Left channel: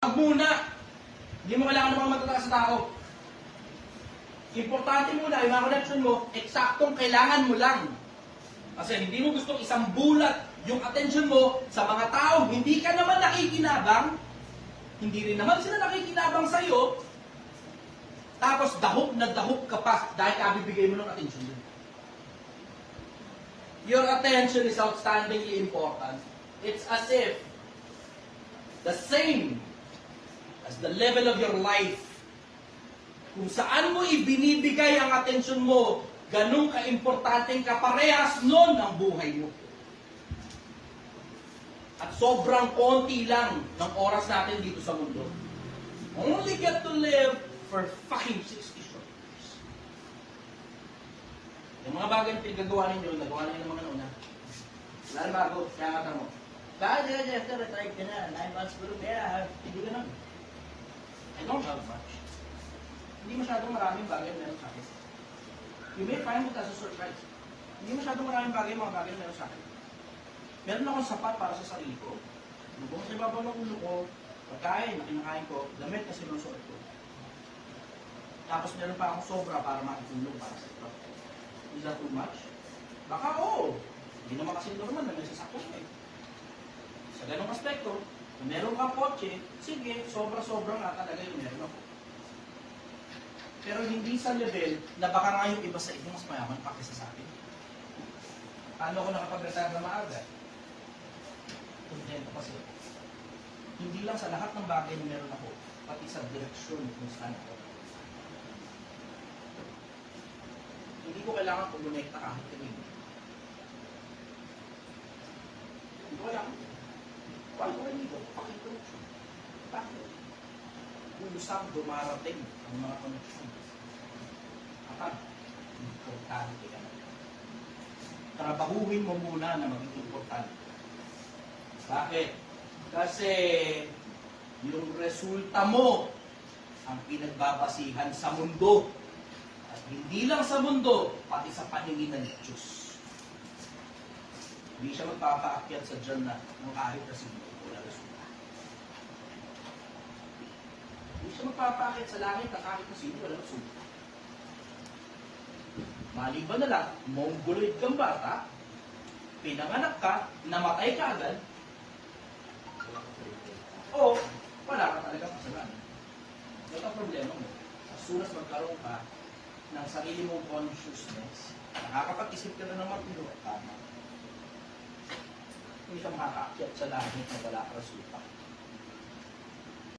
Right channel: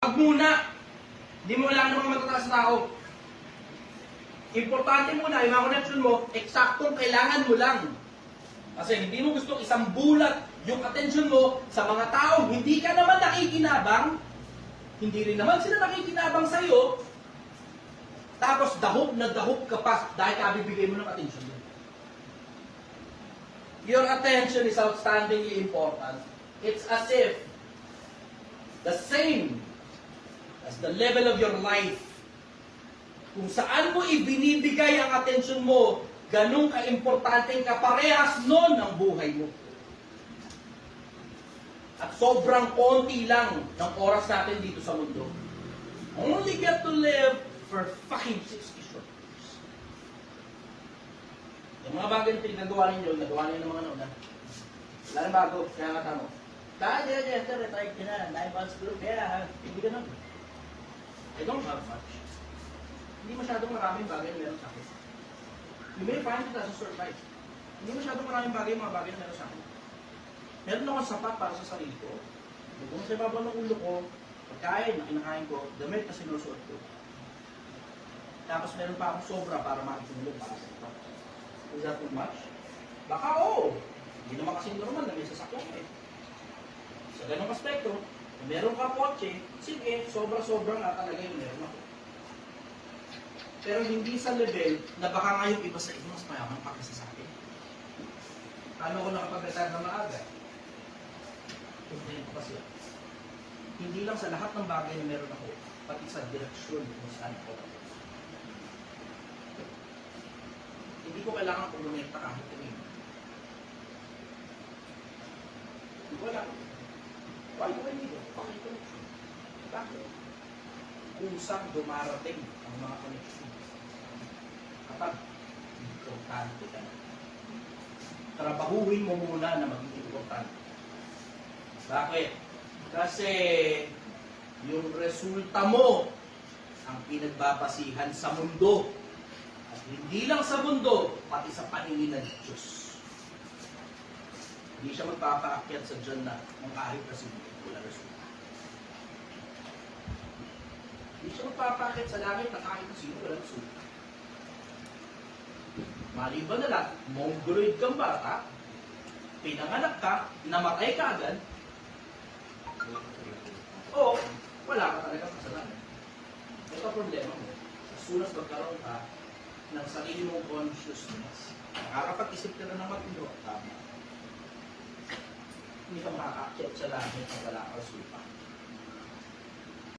Wag muna. Hindi mo kailangan ng mga matataas na tao. Importante muna, yung mga connection mo, eksaktong kailangan mo lang. Kasi hindi mo gusto isang bulat yung attention mo sa mga taong hindi ka naman nakikinabang, hindi rin naman sila nakikinabang sa'yo, tapos dahok na dahok ka pa dahil kabibigay mo ng attention din. Your attention is outstandingly important. It's as if the same as the level of your life. Kung saan mo ibinibigay ang atensyon mo, ganun ka-importanteng kaparehas nun ng buhay mo. At sobrang konti lang ng oras natin dito sa mundo. Only get to live for fucking 60 short years. Yung mga bagay na pinagagawa ninyo, nagawa ninyo ng mga nauna. Wala na bago, kaya nga tamo. Dahil after retired ka na, 9 months ago, kaya hindi ka na. I don't have much. Hindi masyadong maraming bagay na meron sa akin. You may find it as a surprise. Hindi masyadong maraming bagay, mga bagay na meron sa akin. Meron akong sapat para sa sarili ko. Kung sa ibabaw ng ulo ko, pagkain na kinakain ko, damit na sinusuot ko. Tapos meron pa akong sobra para makitulong para sa ito. Is that too much? Baka oo. Hindi naman kasi normal na may sasakyan eh. Sa ganong aspekto, kung meron ka kotse, sige, sobra-sobrang nakalagay yung meron ako. Pero hindi sa level na baka nga yung iba sa iyo mas mayaman pa kasi sa akin. Paano ko nakapag-retire na maaga? Hindi ko kasi. Hindi lang sa lahat ng bagay na meron ako, pati sa direksyon kung saan ako. Hindi ko kailangan kung lumekta kahit kanina. Hindi ko kailangan. Wala ko kanina. Pakikoneksyon. Bakit? Kusang dumarating ang mga koneksyon. At importante ka na. Trabahuhin mo muna na maging importante. Bakit? Kasi yung resulta mo ang pinagbabasihan sa mundo. At hindi lang sa mundo, pati sa paningin ng Diyos. Hindi siya magpapaakyat sa Diyan na ng kahit kasi wala resulta. Hindi siya magpapaakyat sa langit na kahit kasi wala resulta. Maliban na lang, mongoloid kang bata, pinanganak ka, namatay ka agad, o wala ka talaga kasalanan. May ka-problema mo. As soon as magkaroon ka ng sarili mong consciousness, nakakapag-isip ka na ng matino, tama. Hindi ka makakakyat sa langit na wala ka resulta.